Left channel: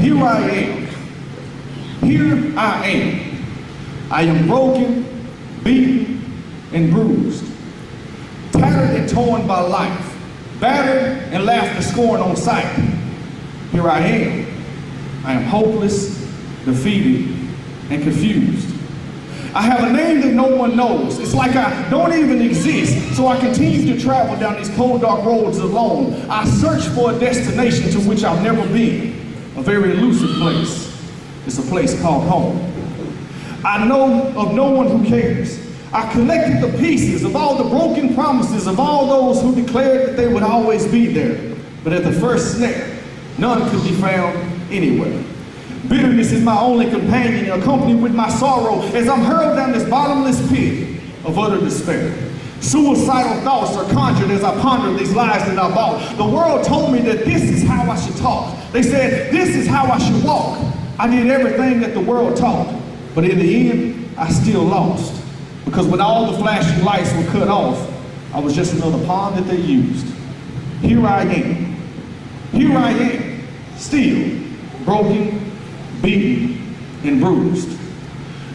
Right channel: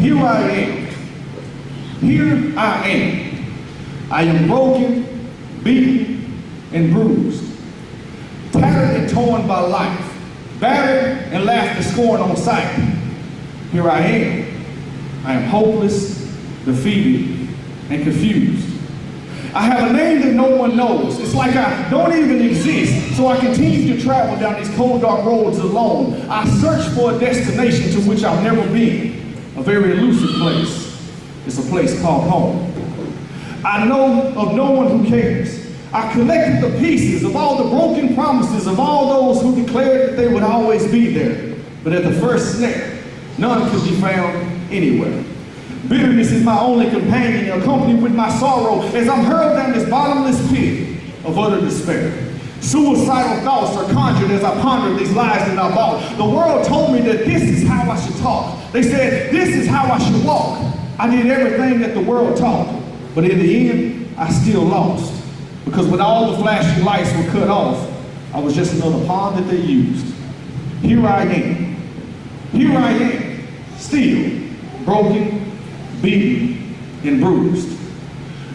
Here I am. Here I am. I am broken, beaten, and bruised. Tattered and torn by life. Battered and laughed to scorn on sight. Here I am. I am hopeless, defeated, and confused. I have a name that no one knows. It's like I don't even exist, so I continue to travel down these cold, dark roads alone. I search for a destination to which I've never been, a very elusive place. It's a place called home. I know of no one who cares. I collected the pieces of all the broken promises of all those who declared that they would always be there. But at the first snare, none could be found anywhere. Bitterness is my only companion, accompanied with my sorrow as I'm hurled down this bottomless pit of utter despair. Suicidal thoughts are conjured as I ponder these lies that I bought. The world told me that this is how I should talk. They said this is how I should walk. I did everything that the world taught, but in the end, I still lost. Because when all the flashing lights were cut off, I was just another pawn that they used. Here I am. Here I am, still broken, beaten, and bruised.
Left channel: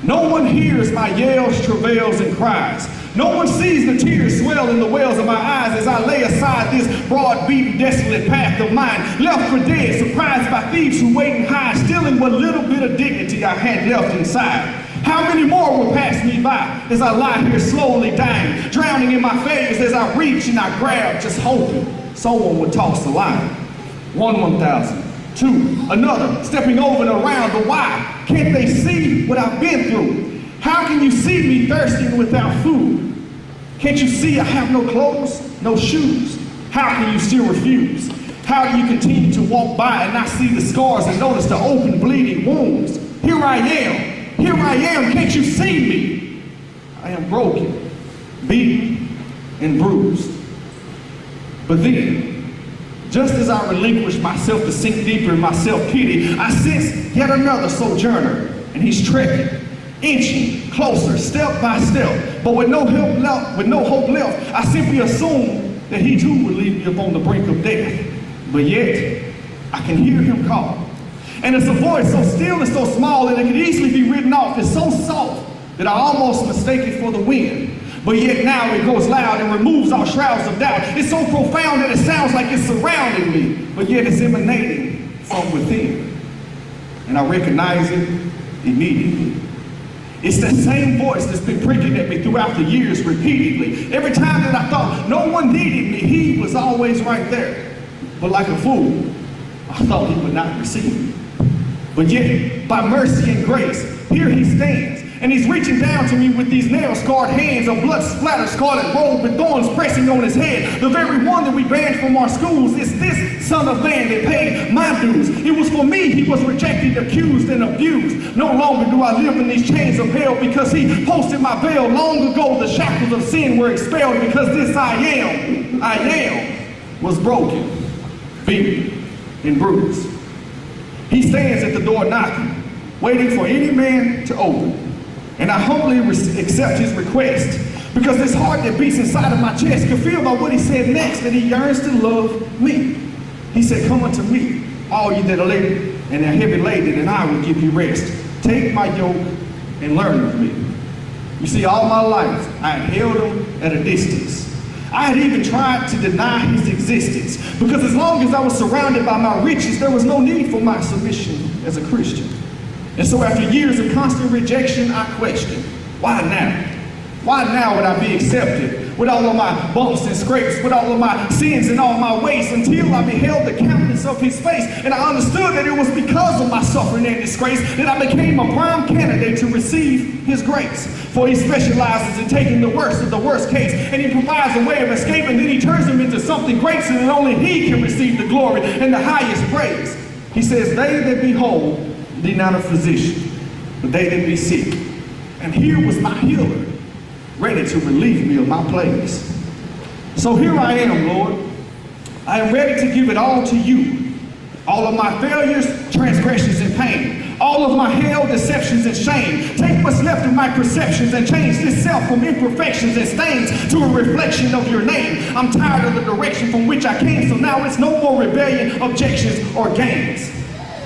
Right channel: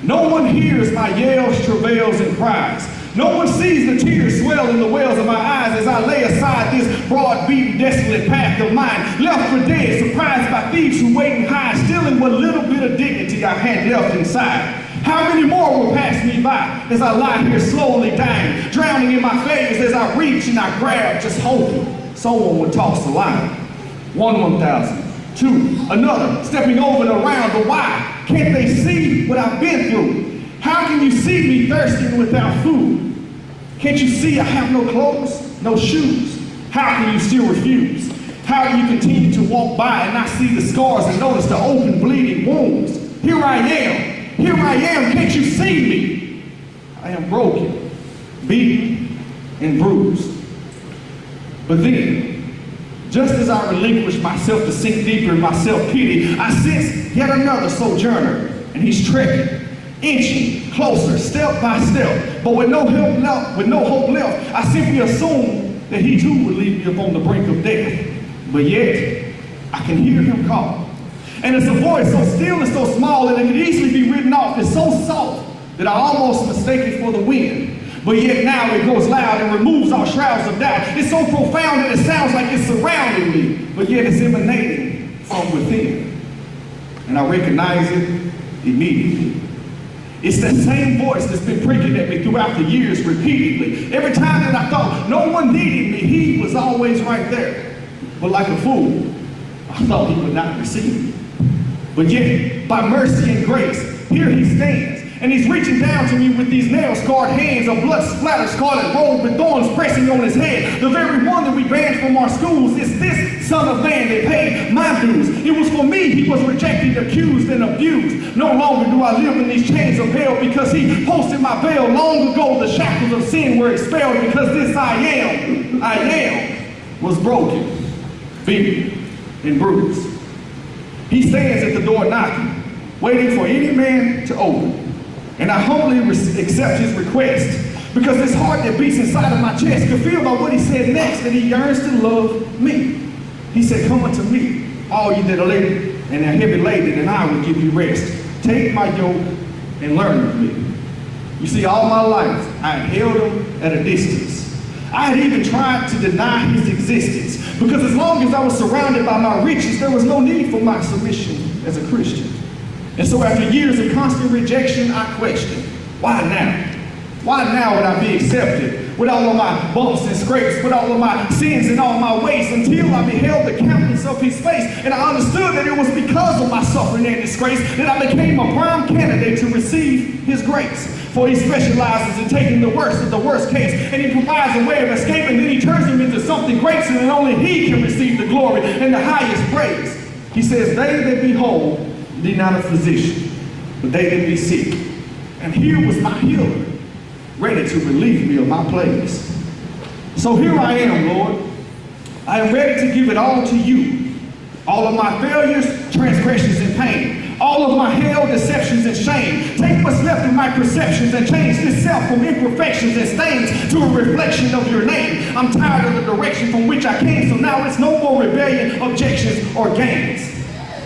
No one hears my yells, travails, and cries. No one sees the tears swell in the wells of my eyes as I lay aside this broad, beaten, desolate path of mine, left for dead, surprised by thieves who wait and hide, stealing what little bit of dignity I had left inside. How many more will pass me by as I lie here slowly dying, drowning in my failures as I reach and I grab, just hoping someone would toss the line. 1,000. 2, another, stepping over and around, but why? Can't they see what I've been through? How can you see me thirsting without food? Can't you see I have no clothes, no shoes? How can you still refuse? How do you continue to walk by and not see the scars and notice the open bleeding wounds? Here I am, can't you see me? I am broken, beaten, and bruised. But then, just as I relinquish myself to sink deeper in my self-pity, I sense yet another sojourner, and he's trekking, inching closer, step by step. But with no hope left, I simply assume that he too would leave me upon the brink of death. But yet, I can hear him call. And it's a voice so still and so small that it could easily be written off as so soft that I almost mistake it for the wind. But yet now it goes loud and removes all shrouds of doubt. It's so profound that it sounds like it's surrounding me, but yet it's emanating from within. And I recognize it immediately. It's that same voice that's been pricking at me throughout the years repeatedly. Every time that I thought no one needed me, he was always right there. But like a fool, I thought he would not receive me. But yet, by mercy and grace, here he stands. And he's reaching down to me with these nail-scarred hands, a blood-splattered scarlet robe with thorns pressing on his head. The very one that we banned from our schools. It's this son of man that paid my dues. It was for me he was rejected, accused, and abused. No longer do I live in these chains of hell because he posted my bail. Long ago the shackles of sin were expelled because this I am, was broken, beaten, and bruised. He stands at the door knocking, waiting for any man to open. And I humbly accept his request because this heart that beats inside of my chest could feel by what he said next that he yearns to love me. He said, come unto me, all you that are laden and are heavy laden, and I will give you rest. Take my yoke and learn of me. You see, all my life, I had held him at a distance. I had even tried to deny his existence because as long as I was surrounded by my riches, there was no need for my submission as a Christian. And so after years of constant rejection, I questioned, why now? Why now would I be accepted with all of my bumps and scrapes, with all of my sins and all my waste, until I beheld the countenance of his face, and I understood that it was because of my suffering and disgrace that I became a prime candidate to receive his grace. For he specializes in taking the worst of the worst case, and he provides a way of escape, and then he turns them into something great so that only he can receive the glory and the highest praise. He says, they that be whole need not a physician, but they that be sick. And here was my healer, ready to relieve me of my plagues. So here I am, Lord. I am ready to give it all to you. All of my failures, transgressions, and pain. All of my hell, deceptions, and shame. Take what's left of my perceptions and change this self from imperfections and stains to a reflection of your name. I'm tired of the direction from which I came, so now it's no more rebellion, objections, or gains.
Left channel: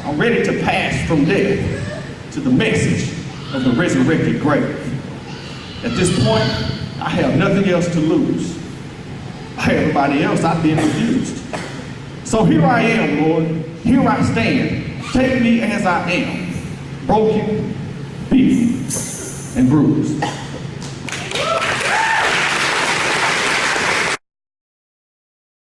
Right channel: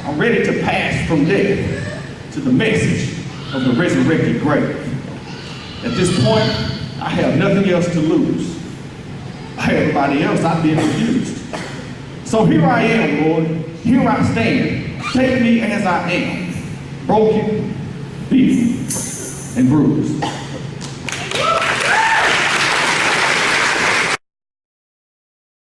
I'm ready to pass from death to the message of the resurrected grave. At this point, I have nothing else to lose. By everybody else, I've been refused. So here I am, Lord. Here I stand. Take me as I am, broken, beaten, and bruised.